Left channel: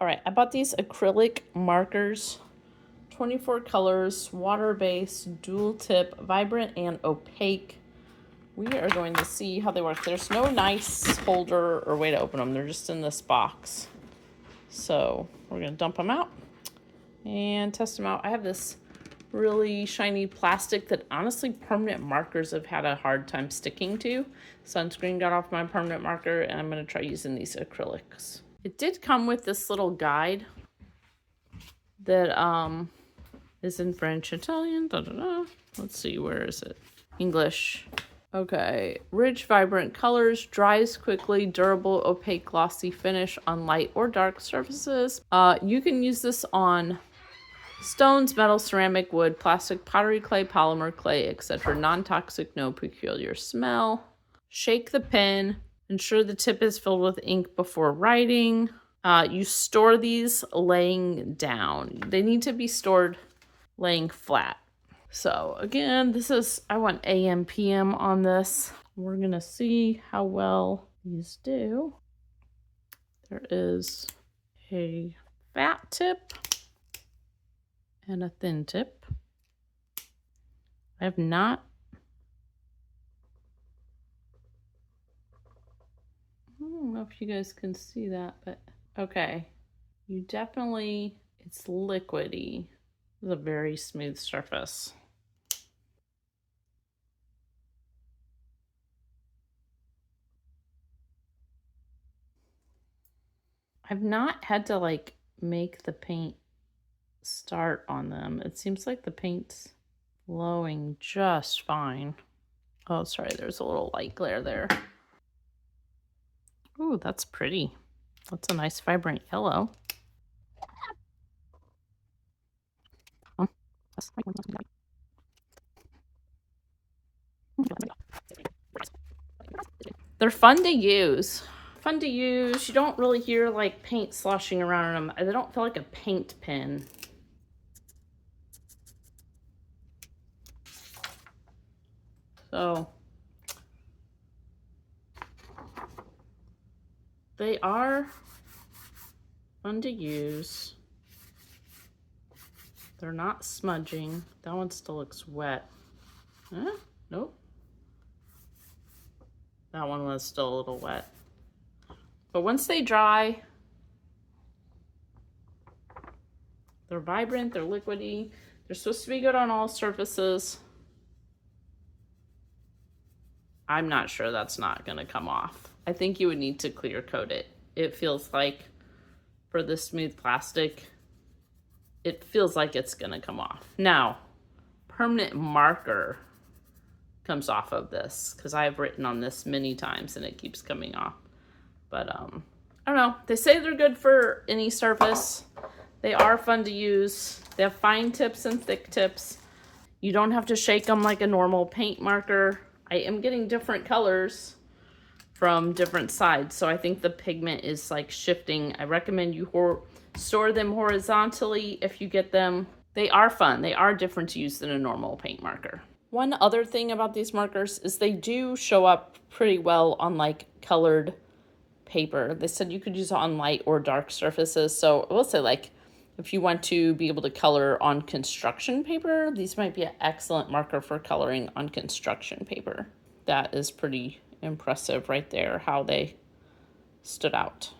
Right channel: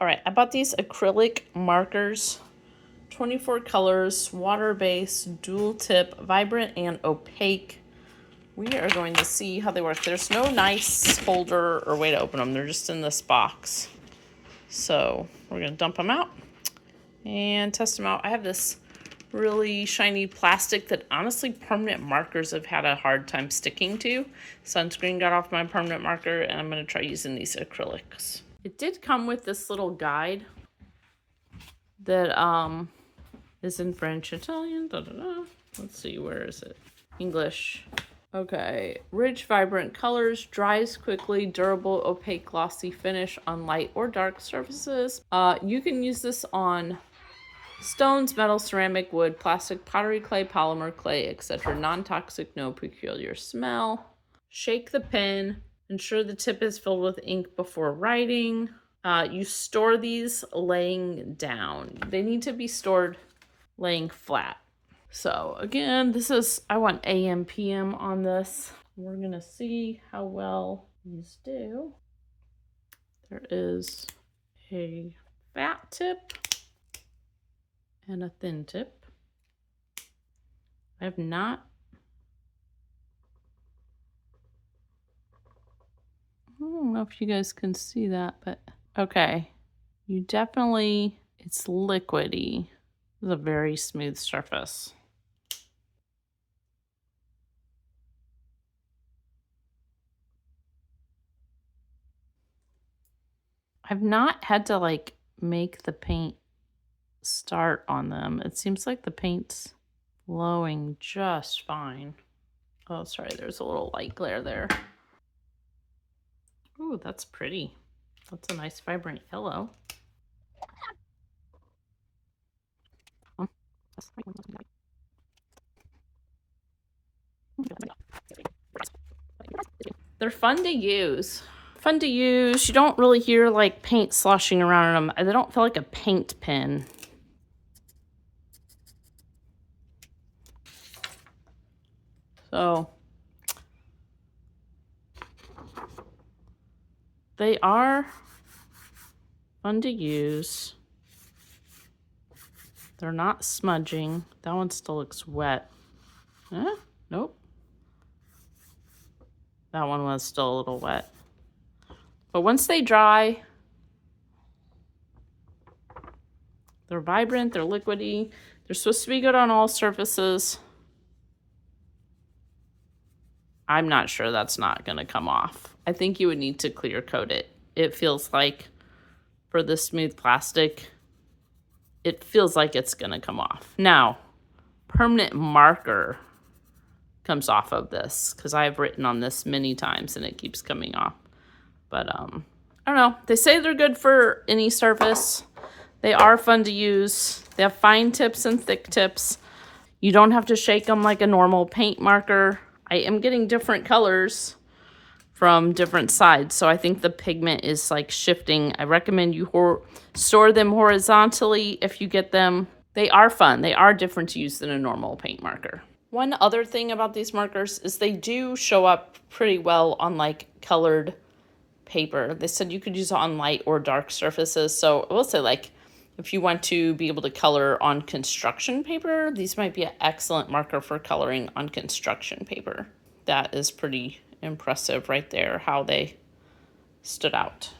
All right, I bought these acrylic markers, 24 colors, water-based, dual tip, vibrant, and opaque. We are going to see how they work. There's no nice holder or way to open them. They're just in this box. So we're going to dump them out and test them out. I have this really shiny plastic that honestly permanent markers have had a hard time sticking to. Sunscreen got off my permanent marker, and I'm going to try using these acrylics. It did come with this little guide that is in French, Italian, Let's see, where is it? English. Okay, rich, vibrant colors, dries quickly, durable, opaque, glossy finish on light or dark surfaces. You can use this on stones, metal, ceramic, wood, plastic, pottery, clay, polymer, clay, etc. Non-toxic, no peculiar smell. Shake the pen. Ensure the tip is filled with ink before writing. You store these laying down. They need to be stored laying flat. So again, I want AM, PM on this. We're gonna see how well these do. There is a fat tip and a thin tip. I don't know if you guys can see that, but okay. It's liquidy. It's a very smooth surface. I've not had to make the paint start on them. It seems like the paint's flowing just fine. Oh, sorry, there's a little light glare there. Ooh, that's pretty. That's a nice vibrant yellow. They're fun to use. You don't really hear paint sloshing around in them. They don't feel like a paint pen. So they are fun to use. They're not smudging. That one still looks wet. Nope. That one was still a little wet. But once they dry, they're vibrant, they're liquidy. They're supposed to be good on all surfaces. I'm not sure that's not gonna come off. I think you would need to clear coat it. It feels like for the smooth plastic, it feels like it's gonna come off. Now, permanent marker comes off of this because I've written on this many times and it keeps coming off. But I don't know. They say they're good for any surface. They are fun to use. They have fine tips and thick tips. You don't have to shake them like a normal paint marker. I am getting different colors from different sides, so I think the pigment is shifting. I recommend you store them horizontally if you get them. They are fun. They are different to use than a normal paint marker. One other thing about these markers is they do show up pretty well on colored paper. They said you could use it on light or dark surfaces. So I will say if you want to be able to color on construction paper, these might be an excellent marker for coloring on construction paper. That is pretty impressive right there, how they stood out.